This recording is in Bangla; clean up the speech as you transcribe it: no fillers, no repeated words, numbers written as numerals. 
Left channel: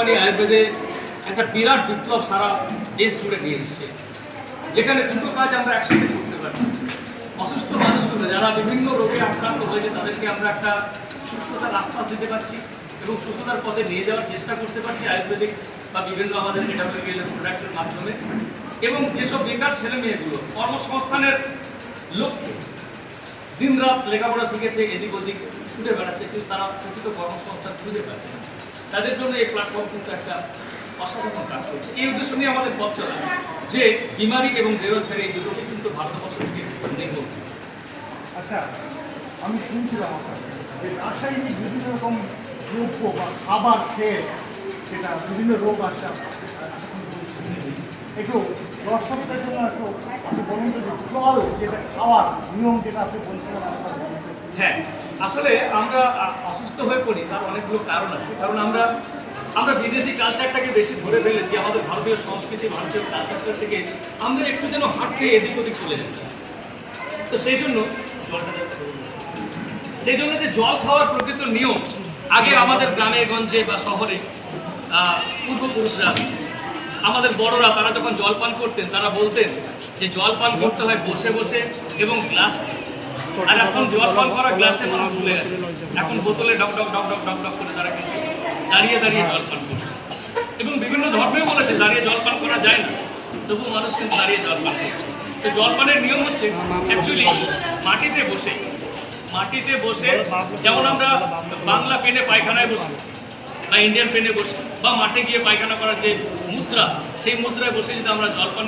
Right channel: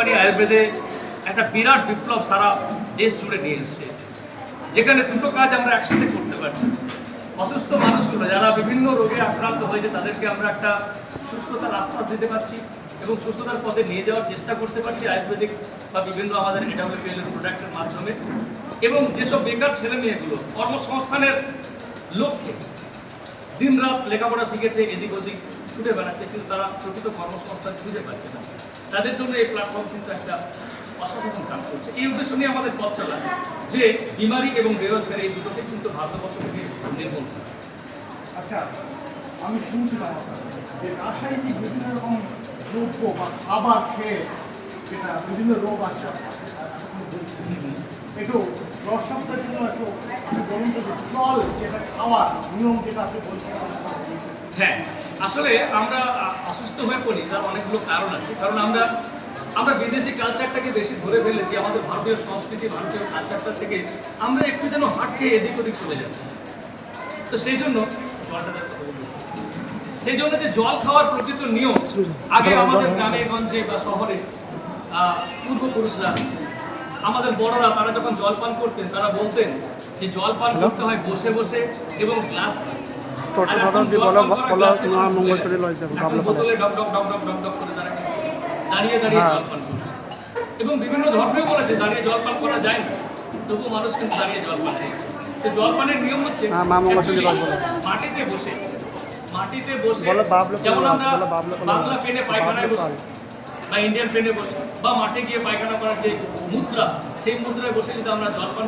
পারি আয়ুর্বেদে একটা বিরাট বিপ্লব সারা দেশ জুড়ে নিয়ে এসছে, যেখানে দুটো কাজ আমরা একসাথে করতে পারছি। অসুস্থ মানুষগুলো যারা বিভিন্ন রোগে আক্রান্ত হয়েছে তাদেরকে আমরা একটা সুস্থতার আশ্বাস দিতে পারছি এবং সুস্থতার পথে নিয়ে যাওয়ার চেষ্টা করতে পারছি আয়ুর্বেদিক বা বিভিন্ন আমাদের এডব্লিউপিএল এর প্রোডাক্টের মাধ্যমে। এবং যেসব বেকার ছেলে মেয়েগুলো কর্মসংস্থানের লক্ষ্যে দিনরাত লেখাপড়া শিখেছে, এদিক ওদিক ছুটে বেড়াচ্ছে, কিন্তু তারা প্রকৃত কর্মসংস্থান খুঁজে পাচ্ছে না, তাদের জন্য এই প্ল্যাটফর্ম কিন্তু একটা অসাধারণ কাজ করছে। এই উদ্দেশ্য নিয়ে আমাদের পথ চলা যে বিমারি এবং বেরোজগারি এই দুটোকে কিন্তু ভারতবর্ষ থেকে নির্মূল করা। আচ্ছা, আমি শুনছিলাম যে রাসায়নিক বিভিন্ন রকম দ্রব্য বা খাবার খেয়ে যেটা বিভিন্ন রোগ আসে এতক্ষণ বলছেন, একটু দর্শকদের জন্য একটু আপনি বলুন তো যে জল যেটা খাওয়ার নিয়ম যেটা আপনি বলছিলেন একবার বলুন। হ্যাঁ, আসলে আমরা অসুস্থ হয়ে পড়ি তার অনেকগুলো কারণ আছে। কারণ আমরা বিদেশি কালচারটাকে বেশি ধরে ফেলেছি, আমাদের ভারতীয় সংস্কৃতি ভারতীয় কালচারটা থেকে আমরা একটু যেন হাট খেয়ে এদিক ওদিক চলে যাচ্ছি। তো সেই জন্য যে জল খাওয়ার প্রকৃত নিয়ম আগে আমাদের গ্রামে গঞ্জে বা শহরে পূর্বপুরুষরা আমাদের বড়রা তারা যখন জল পান করতেন তারা বলতেন যে জল পান করতে হয় বসে বসে এবং গ্লাস। আর এখন জল পান করা গ্লাসে মানুষ ভুলে গেছে, এখন বোতলে ডক ডক ডক ডক ডক ডক করে তারা কিন্তু দাঁড়িয়ে দাঁড়িয়ে জল পান করছে। এবং বিভিন্ন ধর্মেও বলেছে দাঁড়িয়ে জল পান করা যায় না, তবুও মানুষ কিন্তু দাঁড়িয়ে জল পান করছে। তো জল পানের নিয়ম হচ্ছে অ্যাকচুয়ালি মাটিতে বসে যেমন আমরা বাংলা পেনে পায়খানায় বসি বা ইন্ডিয়ান পেনে বসি বা মাঠে গিয়ে পায়খানা করার যে মুদ্রা, সেই মুদ্রায় বসে যদি আমরা জল পান